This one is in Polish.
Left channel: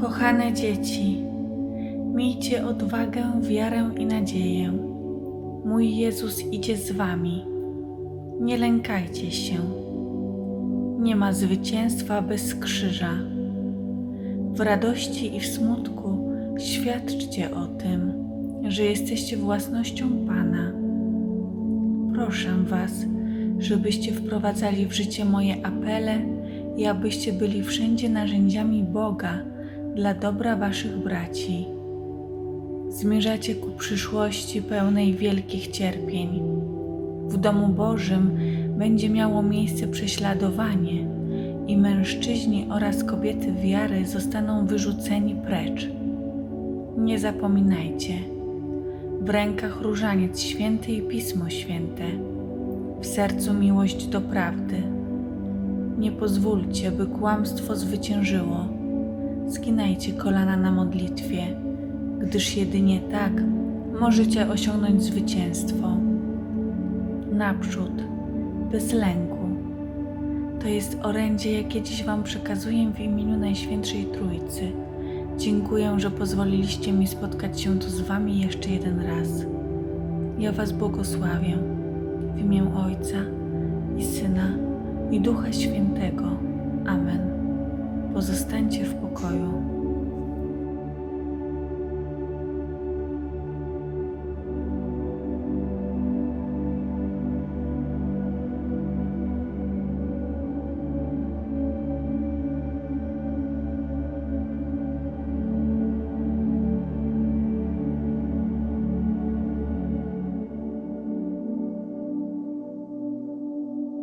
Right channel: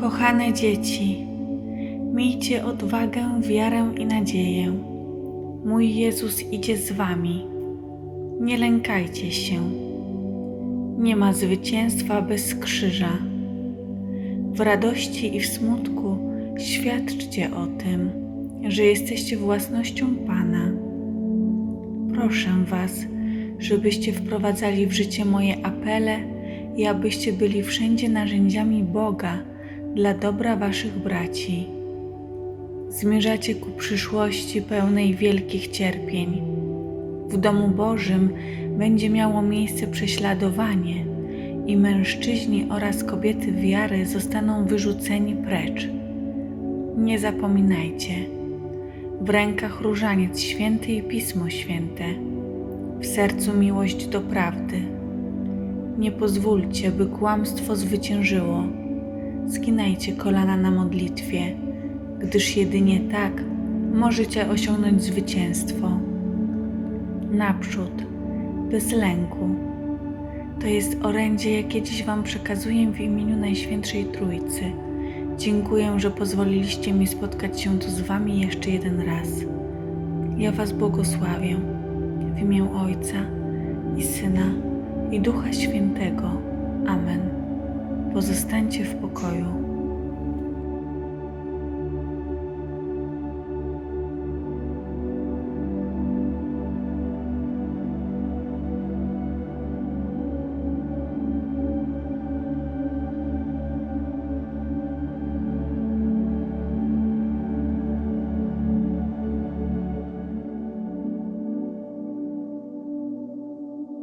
Kochane dzieci, miejcie odwagę, wiarę i nadzieję. Mój Jezus idzie z wami. Nie lękajcie się. Nie ma zwycięstwa bez krzyża. W radości i w smutku świadczcie o tym, że jesteście własnością Pana. Proszę Was, żebyście wprowadzali w życie moje apele i abyście byli wszędzie narzędziami Boga dla dobra Waszych braci. Zmierzacie ku przyszłości pełnej wielkich cierpień. W domu Bożym będzie miało miejsce prześladowanie i mężczyźni oraz kobiety wiary zostaną wyrzuceni precz. Nie zapominajcie, w rękach różaniec święty i Pismo Święte, w sercu miłość do prawdy. Nie pozwólcie, by kłamstwo zwyciężyło. Skinajcie kolana na modlitwie, gdyż jedynie tak możecie osiągnąć zwycięstwo. Naprzód, bez lęku. To jest orędzie, jakie dziś Wam przekazuję w imieniu Najświętszej Trójcy. Dziękuję, że pozwoliliście mi spotkać się tu z Wami jeszcze jeden raz. Ja Was błogosławię w imię Ojca i Syna i Ducha Świętego. Amen. Pozostańcie w pokoju.